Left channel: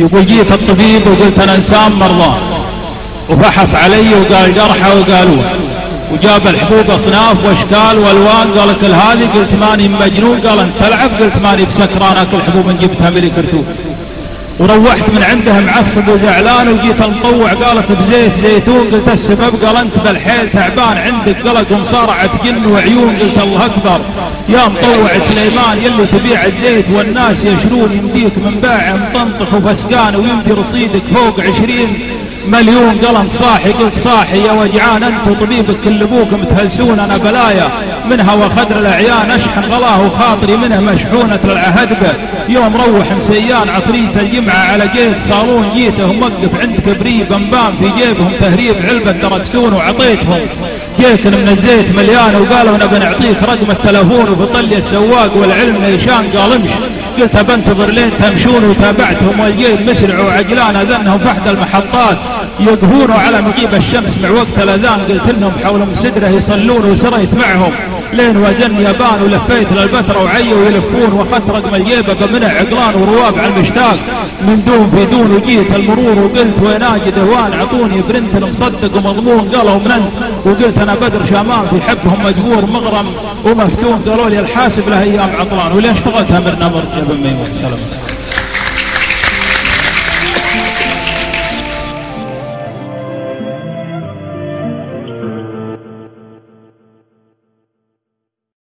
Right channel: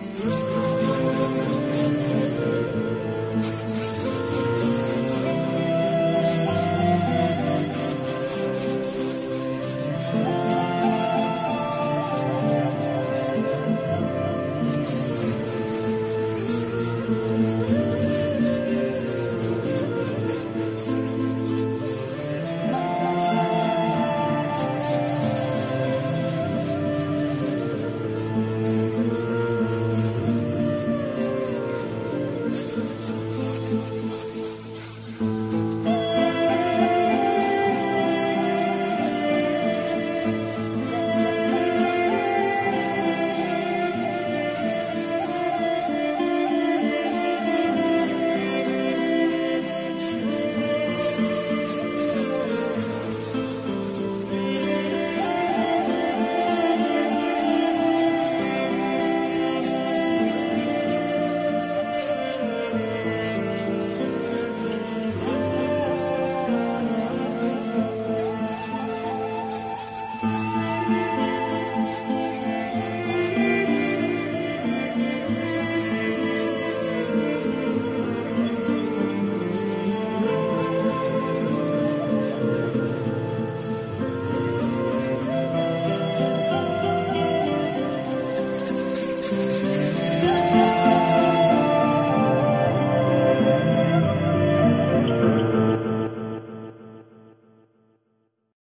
يقول جيت الطبيب وقلت أنا إنسان مرضى، وفحص علي وقال جرحه وقالوه، وجاب الحبوب أصناف وأشكال وألوان، قال كل هذه، قلت ماني مجنون، قال أنت تلعب، قلت ماني بسكران أكل حبوب إن جبتها من كرتون. وروحت من عنده معصب وزعلان وجيت المطوع، قالت بزيت زيتون، قلت السبب، قال أنت بالحيل تعبان عندك قلق ومصارعة جن وعيون، قلت الله أكبر يا مطوع سليمان يلي تبيع الزيت والناس يشرون، يمديك من باع مطنطخ وفسقان ويمدي رصيدك فوق 20 مليون، قال انت صاحي، قلت صاحي يا وجعان انت وطبيبك كل ابوك متهلسون، انا بلايا منها وخدر الاعيان، اشحن غلاه وخاطري منها مشحونة العهدبة، يوم روح مسيان عصرية الجمعة على جيب صالون، جيته موقف عند كبري بنبان في جيبهم تهريب علبة دركسون، وعطيتهم كيكن من الزيت مليان، وقالوا نبي نعطيك رقم التلفون، وبطل لي السواق والعلم نيشان، قال امشي، قلت بنتظر لين تمشون، وتابعتهم والجيل مسرع وعجلان، اذنهم في احدى المحطات يقهون على مغيب الشمس مع وقت الاذان، قلت لهم حول مسدره يصلون، وسريت معهم لين وزن يابان، ولفيت للبتراء وعيوا يلفون، واخذت رقم الجيبه بمنع عقلان ورواب على المشتاق من دون في دون، وجيت المرور وقلت وين اجد هوان، عطوني برنت مصدق ومضمون، قالوا من انت، وقلت انا بدر شامان في حبهم مجبور مغرم ومفتون، قالوا لي الحاسب له ايام عطلان، وليش اشتغلتها من امر جبل ميمون.